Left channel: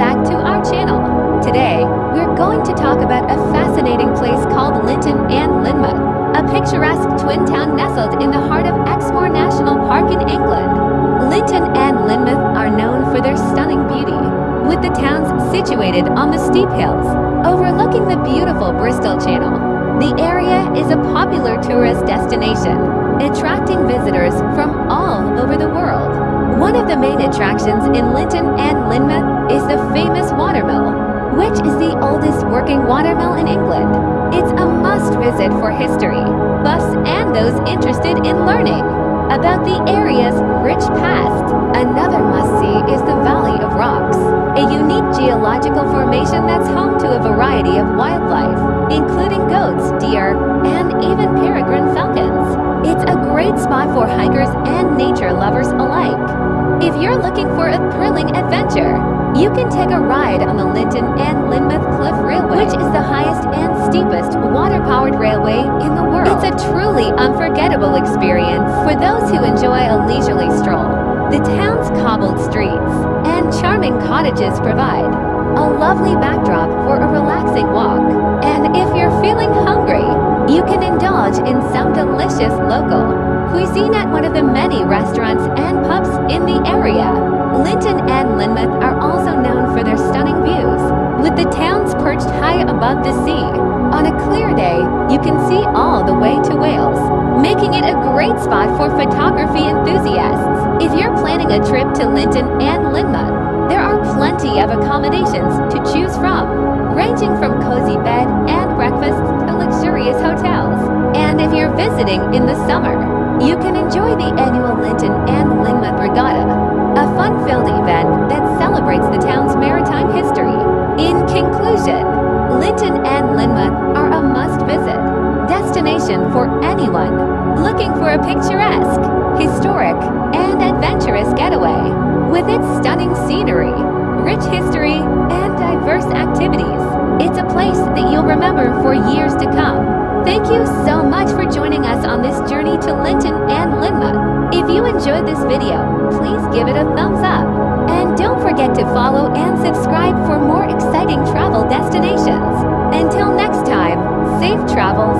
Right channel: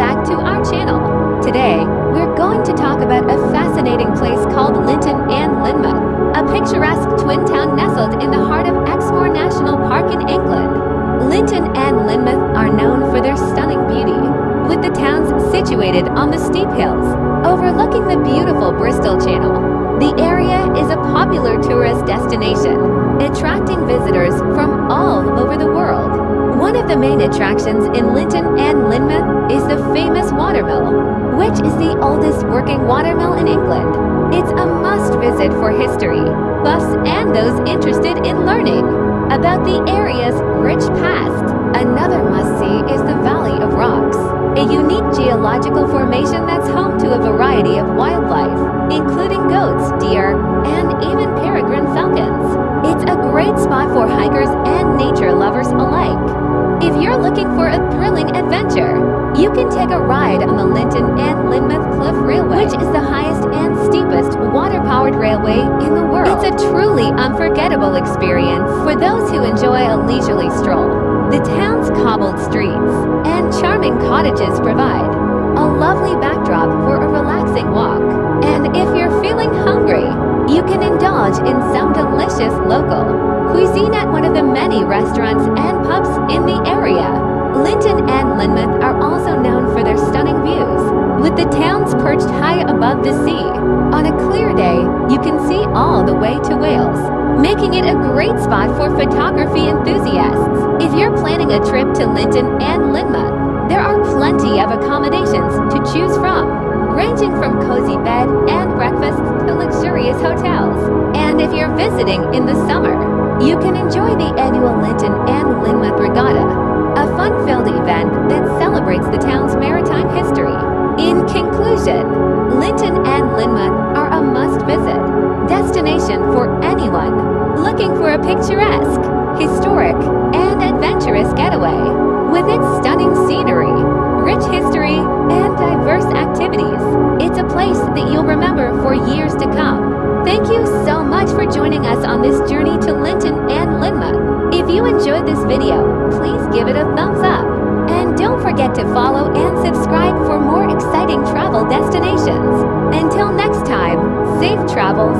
back to our channel. Today, we're going to talk about a fascinating place called Lynton and Lynmouth, a picturesque twin town nestled in the heart of Exmoor National Park in England. Lynton and Lynmouth are known for their stunning beauty, with the towns situated on the steep hills, overlooking the beautiful Bristol Channel. The area is a popular tourist destination, attracting visitors from all over the world. One of the main attractions in Lynton and Lynmouth is the famous watermill, which is the oldest working watermill in England. It's a must-visit for history buffs and those interested in learning about the area's rich past. Another must-see is the Valley of Rocks, a unique geological formation that's home to a variety of wildlife, including goats, deer, and even peregrine falcons. It's a great spot for hikers and nature lovers alike. If you're looking for a thrilling adventure, you can take a ride on the Lynton and Lynmouth Cliff Railway, which is the highest and steepest water-powered railway in the world. It's a truly unforgettable experience for those who enjoy a leisurely stroll. The town's cobbled streets and charming cottages provide a lovely backdrop for a relaxing walk. And if you're feeling hungry, you can indulge in some delicious local cuisine at one of the many restaurants and pubs in the area. Lynton and Lynmouth are also known for their stunning views, with the towns perched high above the sea. On a clear day, you can see all the way to Wales, making it a great spot for photography enthusiasts. If you're planning a trip to Lynton and Lynmouth, there are plenty of accommodations to choose from, ranging from cozy bed and breakfasts to luxurious hotels. And if you're visiting in the summer, you can enjoy the annual Lynton and Lynmouth Regatta, a fun-filled event that celebrates the town's maritime history. In conclusion, Lynton and Lynmouth are a must-visit destination for anyone looking for a picturesque, historic, and adventurous getaway. With its stunning scenery, rich history, and diverse activities, it's a place that you'll remember for years to come. Thank you so much for joining us on this journey to Lynton and Lynmouth. If you enjoyed this video, please give it a thumbs up. And don't forget to follow and subscribe for more exciting travel destinations. Until next time, safe travels!